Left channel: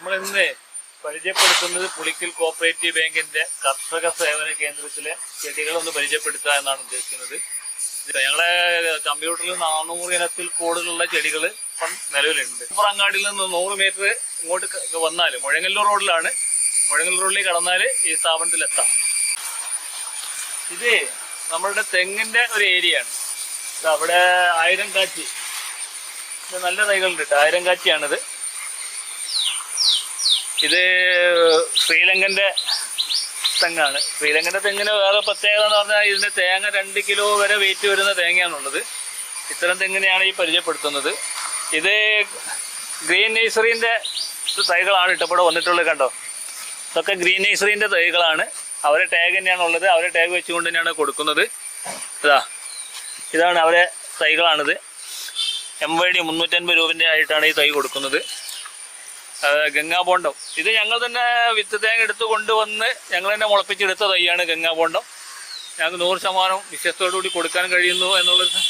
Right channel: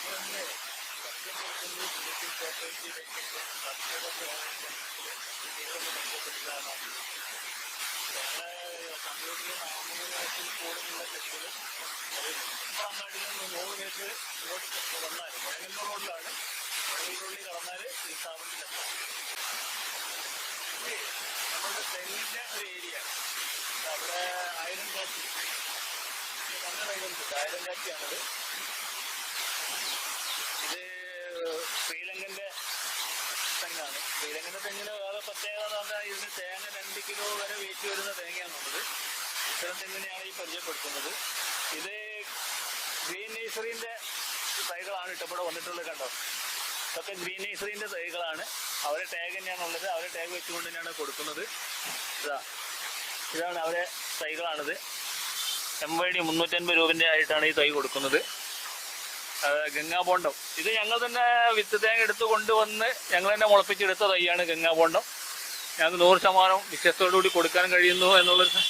നമ്മളിന്ന് പരിചയപ്പെടുത്തുന്നത് പുളിക്കൽ കോപ്പറേറ്റീവ് ബാങ്കിന്റെ കർഷക സേവന കേന്ദ്രത്തിലെ ചെടികളൊന്ന് പരിചയപ്പെടുത്തുക എന്നാണ് ഉദ്ദേശിക്കുന്നത്. ഞങ്ങളെ കമ്പ്യൂട്ടറിൽ 400 ഇനത്തിൽ കൂടുതലുള്ള ചെടികൾ ഇപ്പം നിലവിലുണ്ട്. അങ്ങാടിയിൽ നിന്ന് 100 മീറ്റർ ഇങ്ങോട്ട് വന്നാൽ മുഴങ്ങല്ലൂർ റോഡിലാണ്. മുഴങ്ങല്ലൂർ റോഡിൽ കടന്നാൽ ഈ സ്ഥാപനത്തിലെത്താം. ഇത് നമ്മളുടെ തെങ്ങിന്റെ ഒരു ഏരിയയാണ്. അവിടെ 1000 കാച്ചി നല്ല തൈകളുണ്ട് കേട്ടോ. 1000 കാച്ചിയാണിത്. ഇത് ശ്രീലങ്കൻ്റെ തെങ്ങാണ്. ശ്രീലങ്കൻ്റെ തെങ്ങിന് വേറെ പ്രത്യേകത എന്ന് പറഞ്ഞാൽ ഇതിൻ്റെ തേങ്ങ 2 കിലോ വരെ വെയിറ്റ് വരുന്ന തേങ്ങയാണുള്ളത്. ഇത്തരം തെങ്ങിനെയാണ് ഈ പരിചയപ്പെടുത്തുന്നത്. ഇത് ഗ്രീൻ നേഴ്സറിൻ്റെ തൈകളാണ് ഇവിടെ വന്നിട്ടുള്ളത്. കണ്ടോ, ഇതൊക്കെ ഗ്രീൻ നേഴ്സറിൻ്റെ തൈകളാണ്. അവരെ ടാഗ് തന്നെയാണ് ഉള്ളത്. അവരെ ടാഗ് വെച്ചുകൊണ്ട് തന്നെയാണ് കൊടുക്കുന്നത്. ഇതാണ് അവരെ തൈകളാണിത്. MYD 350 രൂപൻ്റെ ആയിട്ടാണ് ഈ തൈ കൊടുക്കുന്നത്. ഗംഗാബോണ്ടം ഇത് ഞങ്ങൾ തന്നെ വിത്ത് തേങ്ങ എടുത്ത് കൊണ്ടുവന്ന് ഞങ്ങൾ തന്നെ മുളപ്പിച്ചെടുത്ത തൈയാണ് ഗംഗാബോണ്ടം. ഞങ്ങൾക്ക് 100% വിശ്വസ്തയോടുകൂടി കൊടുക്കാൻ കഴിയുന്നു എന്നുള്ളൊരു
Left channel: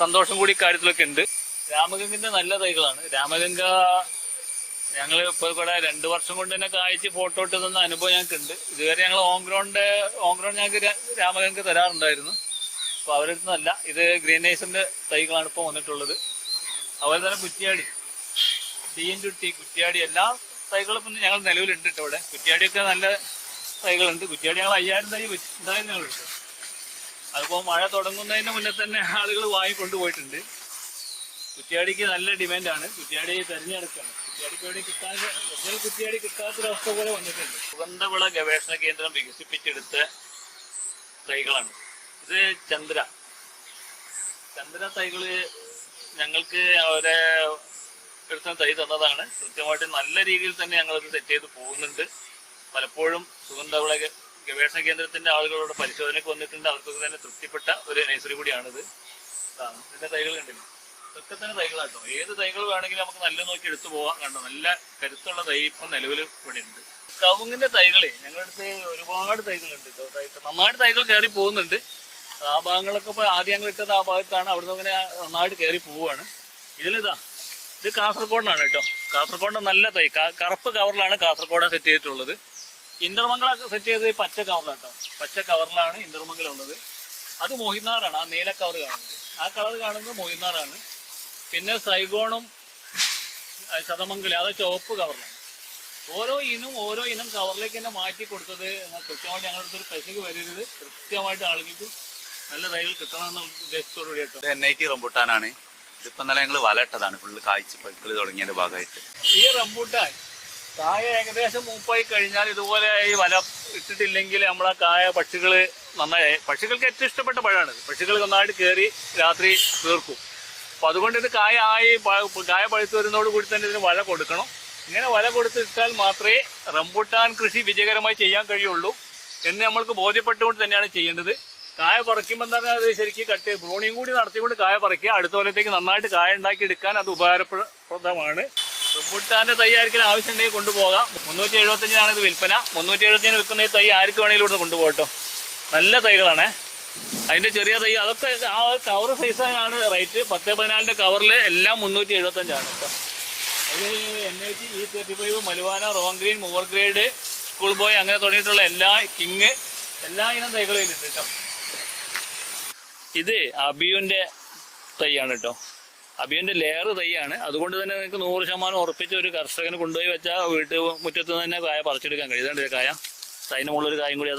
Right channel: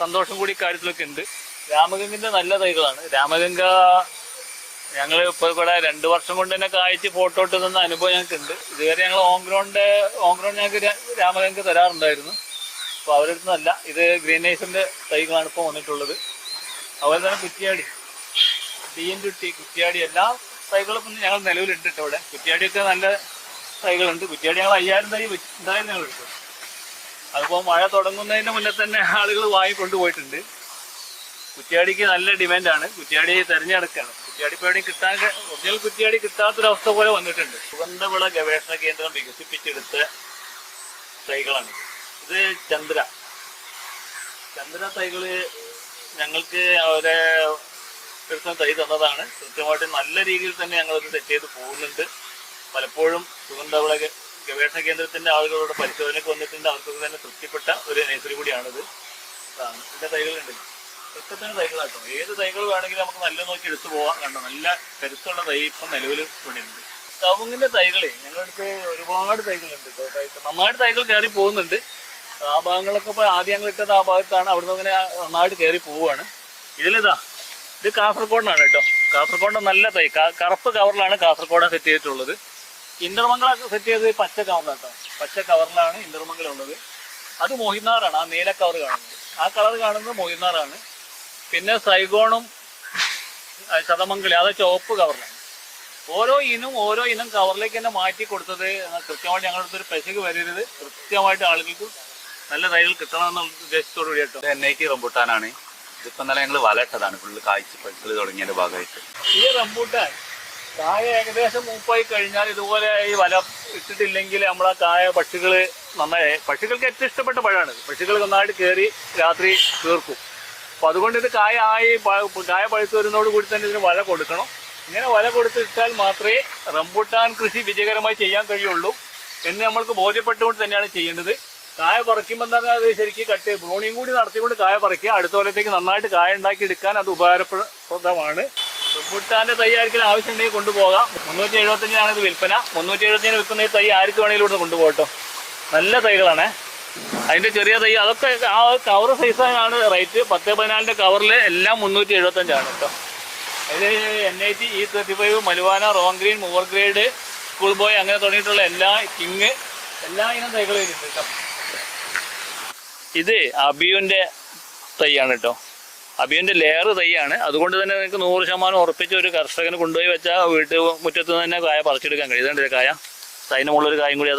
സന്തോഷം കൂടി കാര്യത്തിലൊക്കെ ഉണ്ട്. രാമഗംഗിൻ്റെ നല്ല തൈകളാണ്. രാമഗംഗ ഞങ്ങൾ ഇപ്പോൾ ഇവിടെ 2 വർഷം കൊണ്ട് തന്നെ കായ്ച്ച് ഫോട്ടോ ഇട്ട് തന്ന അനുഭവം ഞങ്ങൾക്കുണ്ട്. ഇതുവരെ ഞങ്ങൾ ഓൺഗ്രൗണ്ട് ഞങ്ങൾക്ക് രാമഗംഗ തരാറുണ്ടായിരുന്നു. അപ്പോൾ അവരുടെ നല്ല ഇത് ഗ്രീൻ നേഴ്സറിൻ്റെ തൈകളാണ് ഇപ്പോൾ വന്നിട്ടുള്ളത്. അതുപോലെ തന്നെ കുറ്റിയാടി, DNT, കുറ്റിയാടി എല്ലാ തൈകളും ഇപ്പം ഞങ്ങൾ നിലവിലുണ്ട് കേട്ടോ. ഇവിടെ കുറ്റിയാടിയൊക്കെ നല്ല തൈകളുണ്ട്. കുറ്റിയാടി ഞങ്ങൾ 5000 തൈ എന്തായാലും ഞങ്ങൾ എടുക്കും. അതിപ്പോൾ മഴ തുടങ്ങുന്നതിന് മുന്നേ തന്നെ ആളുകൾ വാങ്ങിക്കൊണ്ടുപോയിട്ടുണ്ട്. കുറ്റിയാടിക്ക് നല്ല ഡിമാൻഡാണ്. കുറ്റിയാടി തിരഞ്ഞെടുക്കുകയാണ്. കുറ്റിയാടി ഇപ്പോൾ എവിടെയും കിട്ടാൻ ഒറിജിനൽ കുറ്റിയാടി കിട്ടാത്തൊരവസ്ഥ പോലെ വന്നിട്ടുണ്ട്. സുഗന്ധവിള ഗവേഷണ കേന്ദ്രം വികസിപ്പിച്ചെടുത്ത തൈകളാണ്. ഇത് ചന്ദ്ര തൈകൾ ഞങ്ങൾക്ക് അവരെ എടുത്ത തൈ തന്നതാണ്. കൃത്യമായിട്ട് നല്ല രീതിയിൽ തന്നെ ഞങ്ങളത് സെറ്റ് ചെയ്ത് പോകുന്നുണ്ട്. പലപ്പോഴും സുഗന്ധവിള ഗവേഷണ കേന്ദ്രത്തിൻ്റെ ആളുകളോട് പരിശോധനയ്ക്ക് വന്നിട്ടുണ്ട്. അവർക്കൊക്കെ തന്നെ തൃപ്തിപ്പെട്ട ഒരു നഴ്സറി കൂടിയാണിത്. ഇതിൻ്റെ തൈകളുണ്ട്. ഇതൊക്കെ തന്നെ തൈകളാട്ടോ. ഏത് തൈകൾ വേണമെങ്കിലും നമുക്ക് നല്ല നോക്കി എടുത്തു പോകാം. കണ്ടോ, നല്ല കരുത്തുള്ള തൈ ഇപ്പം നിലവിൽ ഇവിടെ ഉണ്ട്. കവുങ്ങിൻ്റെ തൈകളെ ഞങ്ങളടുത്ത് ഒരുപാട് തൈകളുണ്ട്. നന്നായിട്ട് തൈകൾ കയറി പോകുന്നുണ്ട്. ആ ഭാഗങ്ങളൊക്കെ ഇപ്പോൾ ആദ്യം ഞങ്ങൾ ഇട്ടത് ആ ഭാഗത്താണ്. അവിടുന്ന് അങ്ങനെ നന്നായിട്ട് കയറി പോവുകയാണ്. ഇത് കാസർഗോഡാണ് കേട്ടോ. കാസർഗോഡ് നല്ല തൈ കറുപ്പ് കവറിലാണ് കാസർഗോഡ് സെറ്റ് ചെയ്തിട്ടുള്ളത്. ഇന്റർമംഗളൊക്കെ സെറ്റ് ചെയ്തത് പച്ച കവറിലാണ് കേട്ടോ. പച്ച കവറിലാണ് ഇന്റർമംഗലം ഉള്ളത്. അത് മോഹിനാറാണ്. ആ നീല കവർ കാണുന്നത്, ആ കളർ കാണുന്നത് മോഹിനാറാണ്. പിന്നെ സൈഗോണും ശതമംഗലം അത് ചുവപ്പ് കവറിലാണ്. ഓരോ ഇനം കവറിലേക്ക് തന്നെ മാറ്റി കൊടുത്തത് കൃത്യമായിട്ട് ഞങ്ങളുടെ അടുത്തൊരു പെശക് വരരുത്. കൃത്യമായിട്ട് ആളുകൾക്ക് നല്ല തൈകൾ കിട്ടണമെന്നുള്ള ഉദ്ദേശത്തോടു കൂടി കേട്ടോ. NIT റംബൂട്ടാനാണ്. ഇതിപ്പോൾ നല്ല ഞങ്ങൾ വല ഇട്ടതാണ്. ഫുള്ള് കായ്ച്ച് പഴുക്കൽ തുടങ്ങിയതിൻ്റെ ഭാഗമായിട്ട്. ഈ റംബൂട്ടാൻ കായ ഏകദേശം മൂപ്പായി കഴിഞ്ഞാൽ ഇതുപോലെ ഈ വല ഇട്ടിട്ടില്ലെങ്കിൽ നമ്മളെ കായ പക്ഷികൾക്ക് ഏറ്റവും ഇഷ്ടപ്പെട്ട പഴമാണ്. പക്ഷികൾ നന്നായിട്ട് കയറി രാത്രി തീർക്കും. അപ്പോൾ അതുകൊണ്ട് ഇത് കായ പഴുത്ത് വരുന്നതോട് കൂടി തന്നെ ഇതിന് വല കൊടുക്കണം. ഇങ്ങനെ വല കൊടുത്തിട്ടാൽ മാത്രമേ റംബൂട്ടാൻ കൃഷി വിജയകരമായി ചെയ്യാൻ കഴിയുള്ളൂ എന്ന് നമ്മൾക്ക് ബോധ്യപ്പെട്ടുകൊണ്ട് തന്നെയാണ് ചെയ്യേണ്ടത്. കായ പറിക്കുമ്പോൾ എന്താണ് അത് ശരിക്കും ബ്രൂണിയും കൂടി നടത്തിക്കൊണ്ട് കായ പറിക്കുക. അടുത്ത കൊല്ലത്തേക്ക് നന്നായിട്ട് കായ ഉണ്ടാക്കി എടുക്കാൻ അത് ഉപകാരപ്രദമാണ്. റംബൂട്ടാൻ്റെ തൈ ആർക്കും ആവശ്യമുണ്ടെങ്കിൽ കൊണ്ടുപോകാം. 375 ഇത് വിൽപ്പന. 375 വിൽക്കുന്ന ഈ തൈ ആർക്ക് വേണമെങ്കിലും ഇവിടെ കൊണ്ടുപോകട്ടോ. നല്ല തൈകളാണ്. അതിൻ്റെ ചെറിയ തൈ അതൊക്കെ ആ കവർ സൈസാണ് റേറ്റ്. 10-14 കവറിൽ എല്ലാം 375 കേട്ടോ. അതിൽ NIT E35 മലുവാന റോങ് ഗ്രീൻ മൂവർ ഗ്രേഡ് സ്കൂൾ ബോയ് അങ്ങനെ തുടങ്ങിയിട്ടുള്ള എല്ലാ ഇനം തൈകളും ഇതിലുണ്ട് കേട്ടോ. ഇത് അബിയുൻ്റെ തൈയാണ് കേട്ടോ. അബിയുൻ്റെ ലെയർ തൈയാണ്. അതുകൊണ്ട് തന്നെ നിങ്ങൾക്ക് 100% ഉറപ്പിച്ച് ഒരു കർഷകന് കൊണ്ടുപോയി വെച്ചാൽ മുറ്റത്ത് തന്നെ കായ പറിച്ചെടുക്കാൻ കഴിയും. ഇതുണ്ട് കായ, അതിന് മുകളിലൊരു കായും കൂടി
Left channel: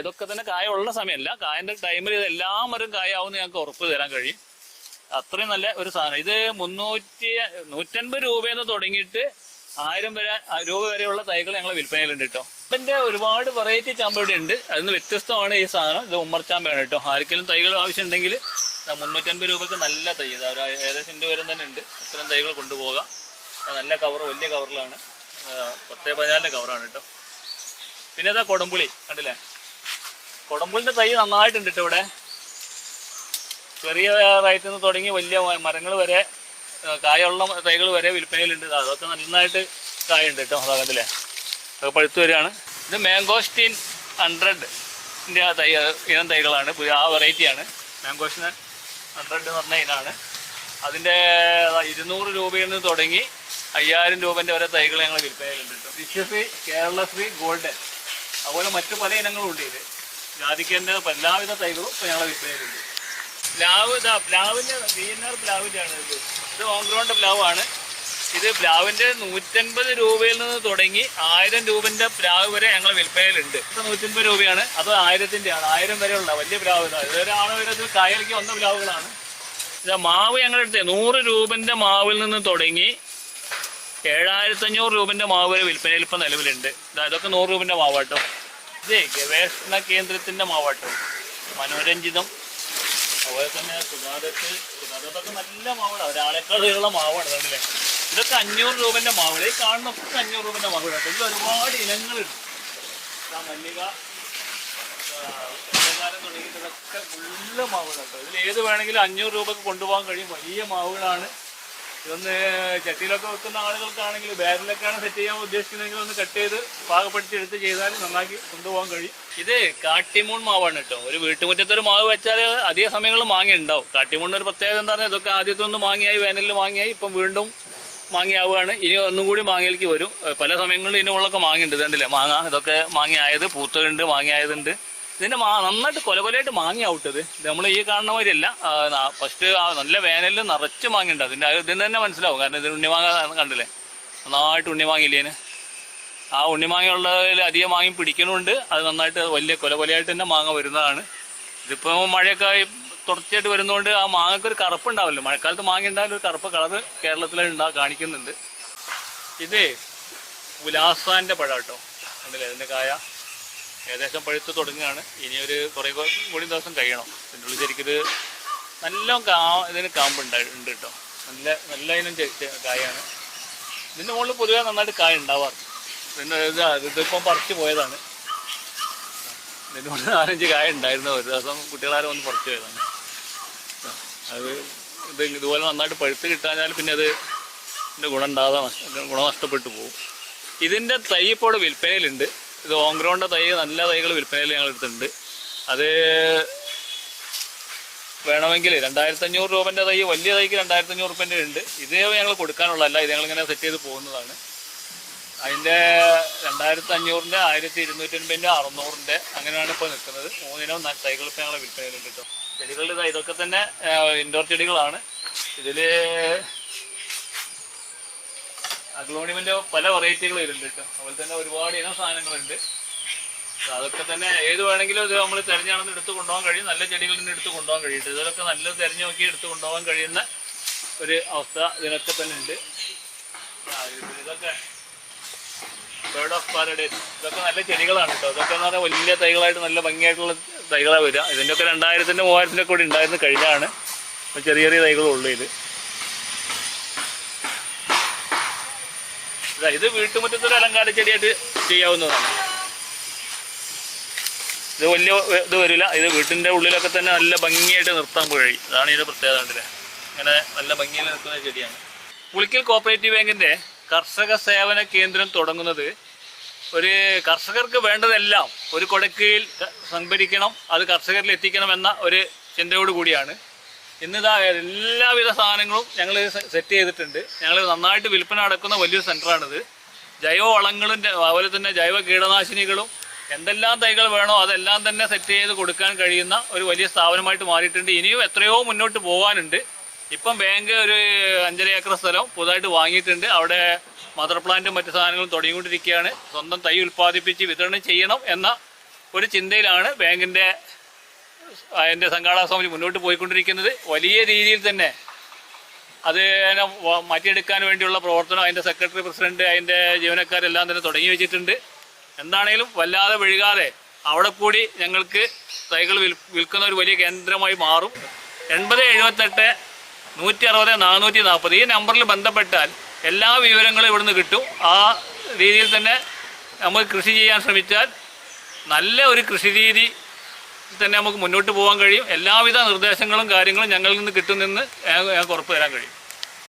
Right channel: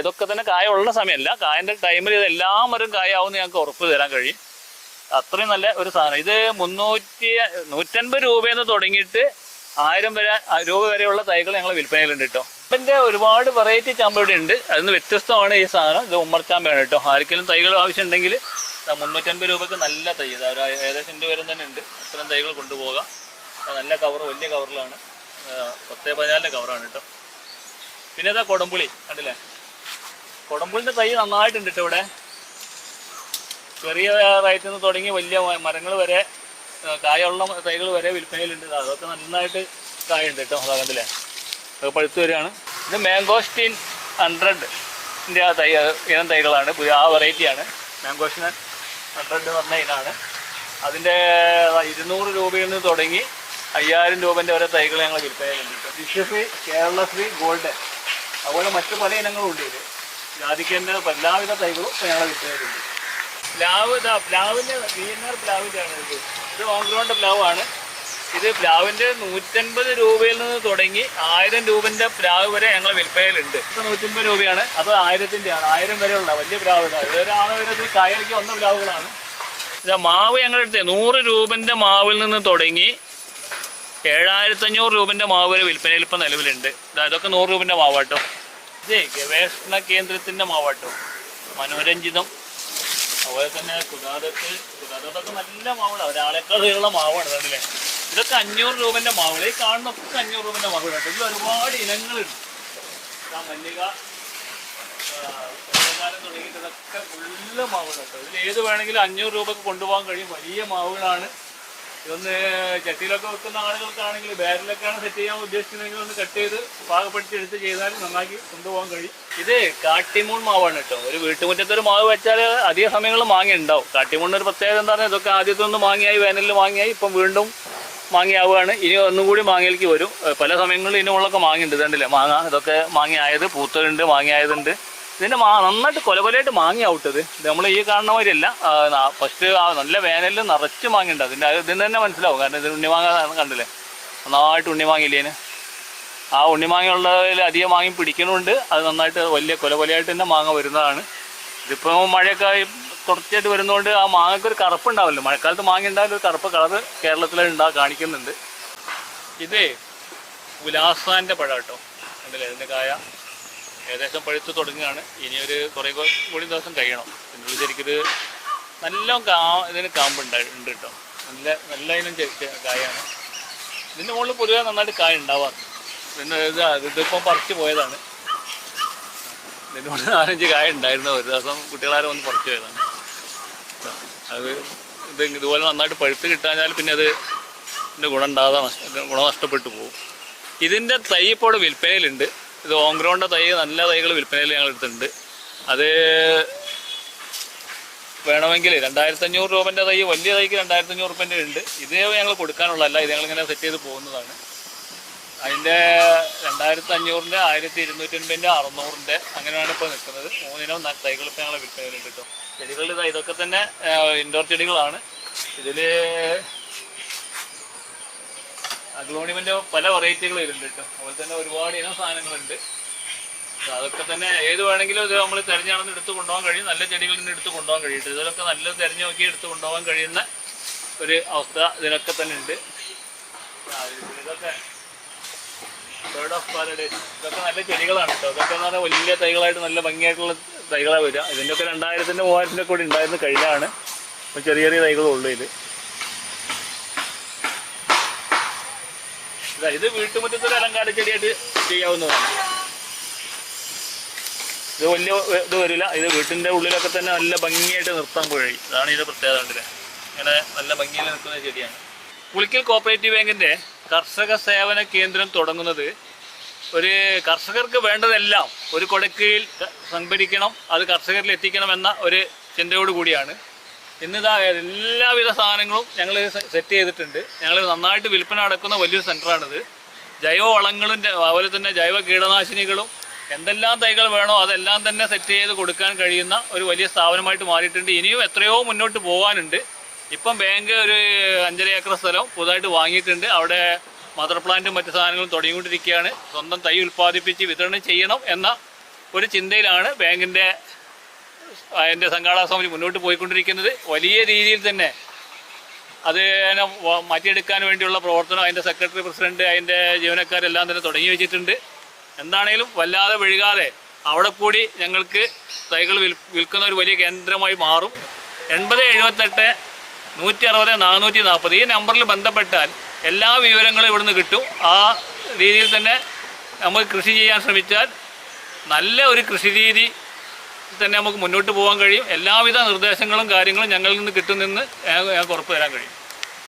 ഇതൊക്കെ തന്നെ കായ ഉള്ള സമയമല്ല. കായൻ്റെ ടൈമിൽ ഇത് എല്ലാ മരം കായാവുമെന്ന് ഞങ്ങൾക്ക് ഉറപ്പ് തരാൻ കഴിയും. അത്രയും നല്ല ഒരു സാധനം. ഇത് 150 രൂപയെന്ന് തുടങ്ങിയിട്ട് 1000 രൂപ വരെയുള്ള തൈകൾ ഞങ്ങൾ വിൽപ്പനയിലുണ്ട് കേട്ടോ. ഇതിൻ്റെ ഒരുപാട് വെറൈറ്റി ചാമ്പ ഇവിടെ ഉണ്ട്. അതിന് വ്യത്യസ്തമാണ് ഈ സാധനം. ഇത് ഉമ്മർച്ചാമ്പയാണ് കേട്ടോ. ആർക്കെങ്കിലും തൈകൾ ആവശ്യമുണ്ടെങ്കിൽ 350 രൂപയ്ക്ക് നല്ല തൈ ഏകദേശം വരെ തന്നെ ഉണ്ട്. അത്തരം തൈകൾ കൊണ്ടുപോകാം. നല്ല കവർ, വലിയ കവറിലാണ്. 10-14 കവറാണ് കേട്ടോ. പിന്നെ ഇതാ കൊടംപുളി കണ്ടില്ലേ. കൊടംപുളിൻ്റെ തൈ നന്നായിട്ടുണ്ട് കേട്ടോ. ഇവിടെ ചെറിയ റേറ്റിൽ നിന്ന് തുടങ്ങി വലിയ മരങ്ങൾ വരെ കായുള്ള തൈകൾ വരെ വിൽപ്പനയിലുണ്ട്. അതൊക്കെ നന്നായിട്ട് കായുണ്ട് കേട്ടോ. അതാകത്തില്ലേ, അതൊക്കെ പഴുത്ത് വരികയാണ്. ഇത് മാംഗോസ്റ്റീൻ 100ൻ്റെ ഇനം തൈകളാണ്. ആ വെറൈറ്റിയാണ് മാംഗോസ്റ്റീൻ 100 എന്ന് പറഞ്ഞ ഇനാണ്. അതിൻ്റെ 200 രൂപയിൽ നിന്ന് തുടങ്ങി 5000 രൂപൻ്റെ ഓരോ തൈകൾ ഞങ്ങൾ വിൽപ്പനയിലുണ്ട് കേട്ടോ. വിശ്വശ്രീ, കേരളശ്രീ, ഗോൾഡ്, അതുപോലെ മറ്റു പല ഇനങ്ങളും ഉണ്ട്. ഇത് ജാതിക്കേൻ്റെ എല്ലാവിധ തൈകളും ഇപ്പോൾ ഞങ്ങൾ വിൽപ്പനയിലുണ്ട്. പ്ലാവ് പ്ലാവിൻ്റെ VNR പ്ലാവിൻ്റെയാണ് ഇത്. ഇത് ഓൺ ഗ്രൗണ്ട് പ്ലാവാണ്. ഇത് പ്ലാവിൻ്റെ 150 രൂപയിൽ നിന്ന് തുടങ്ങി 1000 രൂപൻ്റെ പ്ലാവ് വരെ ഞങ്ങൾ വിൽപ്പനയിലുണ്ട്. ഇത് 150 രൂപയാണ്. അത് 1000-ൻ്റെയാണ്. 1000 വരെയുള്ള വലിയ പ്ലാവ്. ഇതൊരാണ് വരുന്നത്. കായലിക്ക് വന്ന പ്ലാവുകളാണ്. ഇത് മാവ് ഞങ്ങളെടുത്ത് 100 രൂപൻ്റെ മാവിൽ നിന്ന് തുടങ്ങി 7500 രൂപൻ്റെ മാവ് വരെ വിൽപ്പനയിൽ ഇപ്പം നിലവിലുണ്ട്. ഇതൊക്കെ 100 രൂപൻ്റെ മാവാട്ടോ. ഇത് ഗവേഷണ കേന്ദ്രത്തിൻ്റെ മാവാട്ടോ. മനോരഞ്ജിതം, അതുപോലെ തന്നെ കുതാദത്തൊക്കെ നല്ല മാവാണ്. ഒരാളെക്കാളുള്ള മാവാണ്. കണ്ടില്ലേ? ഇതൊക്കെ 500 രൂപൻ്റെ മാവുകൾ. ഈ കാണുന്നൊക്കെ 500 രൂപൻ്റെ മാവുകൾ കേട്ടോ. ഇതിൽ ഒരുപാട് ഇനങ്ങളുണ്ട്. മല്ലിക, തുടങ്ങിയിട്ട് ഇതൊക്കെ ഫുള്ള് മാവുകൾ കേട്ടോ. ഇതിൽ ഏത് വേണമെങ്കിലും 500 രൂപക്ക് കൊണ്ടുപോകാൻ കഴിയും. വലിയ മാവുകളാണ്. ഇതൊന്ന് ചട്ടിയിലൊക്കെ വെക്കുന്ന ആളുകൾക്കാണെങ്കിൽ ബാരിലൊക്കെയാണ് സെറ്റ് ചെയ്യാൻ ഉദ്ദേശിക്കുന്നതെങ്കിൽ ഒന്ന് കട്ട് ചെയ്ത് പാകപ്പെടുത്തി എടുത്ത് ചെയ്താൽ നന്നാക്കി കൊണ്ടുപോകാൻ കഴിയും. ഇത് കാട്ടിമൂൺ മാവാണ് കേട്ടോ. ഒരു വീട്ടുമുറ്റത്തൊരു മാവ് വെച്ചാൽ അധിക സമയങ്ങളിൽ മാങ്ങ ഉണ്ടാവും. കാട്ടിമൂണിന് ഒരു പ്രത്യേകത എന്താ പറഞ്ഞാൽ ഇതൊക്കെ ആദ്യത്തെ ഒന്ന് മാങ്ങയായി, വേനലിൽ മാങ്ങയായി, ഇപ്പം വീണ്ടും മാങ്ങയാവുകയാണ്. ഇനി ഒന്നും കൂടി മാങ്ങയിലേക്ക് വരും. പല സമയങ്ങളിൽ ഇനിയുള്ളൊക്കെ മാങ്ങയുണ്ട്. ഇതുണ്ടല്ലേ മാങ്ങ, ഇതൊക്കെ മാങ്ങയായത്, പൂത്തതുണ്ട്, മാങ്ങയായതുണ്ട്. ഇതിൻ്റെ നന്നായിട്ട് കൊലകൊലയായിട്ട് മാങ്ങ ഔട്ടത്. ഇത് നമ്മൾ ഈ കാണുന്ന മാതിരിയല്ല. ഫസ്റ്റ് നല്ല വേനലിൽ നിറച്ച് മാങ്ങ ഉണ്ട്. ഇതിന് തന്നെ മനസ്സിലാവും. കാരണം ഇത് ഉണ്ണിമാങ്ങ കണ്ടില്ലേ, നന്നായിട്ട് ഉണ്ണിമാങ്ങയില്ലേന്. ആ ഉണ്ണിമാങ്ങയുള്ളതിൽ അധികം മാങ്ങ പിടിക്കണമുണ്ട്. അത് നന്നായിട്ട് വലിയ കൊലകൊലയായിട്ട് തന്നെ മാങ്ങ വരുന്നതാണ്. ഇതിപ്പോൾ മഴയൊക്കെ തുടർച്ചയായിട്ട് വരുന്നതുകൊണ്ട് ആ മാങ്ങയ്ക്കൊരു കറുപ്പ് ഉണ്ടാവില്ല. മഴക്കാലത്ത് മാങ്ങ ഉണ്ടായാലും ഒരു കറുപ്പ് കളറ് കേരളത്തിൽ കാണിക്കുന്നുണ്ട്. ഇത് ഉലാസാൻ്റെ പഴം കേട്ടോ. കണ്ടില്ലേ, ഇതിൻ്റെ കായ ഏകദേശം പഴുത്ത് തുടങ്ങുകയാണ്. ഇനിയൊരു കുറേ കൂടി ദിവസം കഴിയണം. ഇതിൻ്റെ ഉള്ളിൽ ശരിക്കൊരു നല്ല ഇതിന് കാമ്പുണ്ട് കേട്ടോ. നല്ല ഇനം കായാണ്. ഇതിൻ്റെ മുകളിൽ പൊതുവെ നന്നായിട്ട് കായ ഉണ്ടാവാറ്. പിന്നെ ഇതിപ്പം പറിച്ച് പോയതാണ്. ഇതിൻ്റെ മുകളിൽ 4-5 കായ ഉണ്ടായിരുന്നു. ഒരു ദിവസം കുട്ടികളാരും വന്ന് പറിച്ച് പോയതാണ്. ഇത് ഇതുപോലെ നന്നായിട്ട് പഴുത്ത് കിട്ടാഞ്ഞാൽ പിന്നെ ഇതിൻ്റെ ഗുണം നഷ്ടപ്പെട്ടു പോകും. ഇതിൻ്റെ തൈ ഇപ്പോൾ വിൽപ്പനയിലുണ്ട്. ഇത് ഓൺ ഗ്രൗണ്ട് തൈ, നല്ല തൈകൾ വിൽപ്പനയിൽ ഞങ്ങൾ എടുത്തിട്ടുണ്ട്. അത് വേണമെങ്കിൽ 2500 രൂപൻ്റെ തൈ, വലിയ തൈക്ക് 2500 രൂപൻ്റെ ഉണ്ട്. ഇത് ഞങ്ങൾ കൊടുക്കാനുള്ളതല്ല. ഇത് ഞങ്ങളിങ്ങനെ സെറ്റ് ചെയ്ത് പോകുന്നതാണ്. അതിൻ്റെ 2500-ൻ്റെ, 1250-ൻ്റെ, 600-ൻ്റെ അങ്ങനെയാണ് ഇപ്പോൾ നിൽക്കുന്നത്. 3 ഇനം തൈകൾ ഇപ്പോൾ ഞങ്ങൾ വിൽപ്പനയിലുണ്ട് കേട്ടോ. ചെടികളിൽ ഇതൊക്കെ തന്നെ ഇൻഡോർ ചെടികളാണ്. ഇതിൽ അഗ്ലോണിയമിൻ്റെ പല വെറൈറ്റികൾ വരുന്നുണ്ട് കേട്ടോ. അതുപോലെ തന്നെ ഒരുപാട് ഇനം സാധനങ്ങളുണ്ട്. അതൊക്കെ തന്നെ ഏത് വേണമെങ്കിലും ഇത് നമ്മൾ തിരഞ്ഞാണെന്ന് എടുത്ത് കൊണ്ടുപോകാൻ കഴിയും. നല്ല ചെടികളിൽ നിന്ന് എടുത്ത് കൊണ്ടുപോകാൻ കഴിയും. ഇതിലൊക്കെ നല്ലത് തിരഞ്ഞു നോക്കി എടുത്ത് കൊണ്ടുപോകാൻ കഴിയുന്ന ഒരു അവസ്ഥ ഇതിനൊക്കെ തന്നെ ഉണ്ട്. ഇതൊക്കെ ബേർഡ് ഓഫ് പാരഡൈസ്, ഇതൊക്കെ നല്ല ചെടികളാണ് കേട്ടോ. ഇതൊക്കെ എന്ന് പറഞ്ഞാൽ വലിയ തൈകളായിട്ട് നല്ല ഭംഗിയായിട്ടുള്ള തൈകളാണ് വരിക. ഇതിൻ്റെയൊക്കെ 2000-ൻ്റെ 3000-ൻ്റെ കൂടി ഉണ്ടായിരുന്നു കഴിഞ്ഞാണ്. അപ്പോൾ ചെറിയ ചെറിയ തൈകളുള്ളൂ. ഇത് വീട്ടുമുറ്റത്തൊരു അലങ്കാര ചെടിയായിട്ട് ചെയ്യാവുന്നതാണ്. ഇത് വലിയ ഇത് വരില്ല. ഇത് വീട്ടിൻ്റെ ഉള്ളിലൊക്കെ തന്നെ നല്ല ഭംഗിയായിട്ട് നിർത്താൻ കഴിയും. അതാണ് ഇതിൻ്റെ പ്രത്യേകത. കണ്ടില്ലേ, ഇങ്ങനെ നല്ല ഭംഗിയിൽ നിൽക്കുന്ന ചെടിയാണ്. പുളിക്കൽ കോപ്പറേറ്റീവ് ബാങ്കിൻ്റെ കർഷക സേവന കേന്ദ്രം തുടങ്ങുന്നത് ഒരു കർഷകർക്ക് വേണ്ടതെല്ലാം ഒരു കൊടക്കീഴിൽ സംഭരിക്കണം, അത് കർഷകരിൽ എത്തിക്കണം എന്ന ഒരു ചിന്തയോട് കൂടിയാണ്. ഇന്നിതാ എല്ലാവിധ സാധനങ്ങളും ഞങ്ങൾ സെറ്റ് ചെയ്തിട്ടുണ്ട്. ഞങ്ങൾ നന്നായിട്ട് വിൽപ്പന നടക്കുന്ന വലിയൊരു സെൻ്ററാണിത്. ജൈവ വളങ്ങളും അതുപോലെ തന്നെ ജൈവ കീടനാശിനികളും എന്തെല്ലാം തൈകൾ വേണോ അതെല്ലാം തന്നെ സെറ്റ് ചെയ്ത് കൊടുക്കാൻ കഴിയുന്ന ഒരു വലിയ സ്ഥാപനമായിട്ട് മാറിയിട്ടുണ്ട്. ഇനിയും എത്രയോ മുന്നോട്ട് പോകാനുണ്ട്. ഇപ്പം ബാങ്ക് ഒരു 5.5 ഏക്കർ സ്ഥലം പുതുതായിട്ട് വാങ്ങിയിട്ടുണ്ട്. അവിടെ മദർ പ്ലാന്റും മറ്റു സാധനങ്ങളും തുടങ്ങിക്കൊണ്ടിരിക്കുകയാണ്. സ്വന്തം തൈ ഉൽപ്പാദിപ്പിച്ച് വിതരണം ചെയ്യണം എന്ന ഒരു ചിന്തയിലാണ് ബാങ്കിൻ്റെ അതിൻ്റെ സംഘാടക സമിതി മുന്നോട്ട് പോയിക്കൊണ്ടിരിക്കുന്നത്. വലിയ രീതിയിൽ തന്നെ അത് മാറ്റിയെടുക്കാൻ വേണ്ടിയുള്ള പ്രവർത്തനം അതിൻ്റെ സെക്രട്ടറി, പ്രസിഡന്റ്, അതിൻ്റെ ജീവനക്കാരെല്ലാം തന്നെ തുടങ്ങി വെച്ചിട്ടുണ്ട്. എന്താണേലും വല്ലാതെ വഴുകാതെ അവിടെ കൂടി ഞങ്ങൾക്ക് തൈകൾ വിൽക്കുന്ന ഒരു വലിയ കേന്ദ്രമായി മാറും. 8078 160 440 ഈ നമ്പറിൽ ബന്ധപ്പെട്ടാൽ എല്ലാ വിവരങ്ങളും ഇവിടുന്ന് കിട്ടും. ആ രീതിയിൽ തന്നെ നമുക്ക് കൃഷി ചെയ്യാൻ ശ്രമിച്ചാൽ നല്ല ഒരു കൃഷി രീതി തന്നെ നമുക്ക് മുന്നോട്ട് പോകാൻ കഴിയും. എല്ലാവിധ നിർദ്ദേശങ്ങളും കാര്യങ്ങളും ഞങ്ങളിൽ നിന്ന് കിട്ടുമെന്ന് ഞങ്ങൾക്ക് ഉറപ്പ് തരാൻ കഴിയും.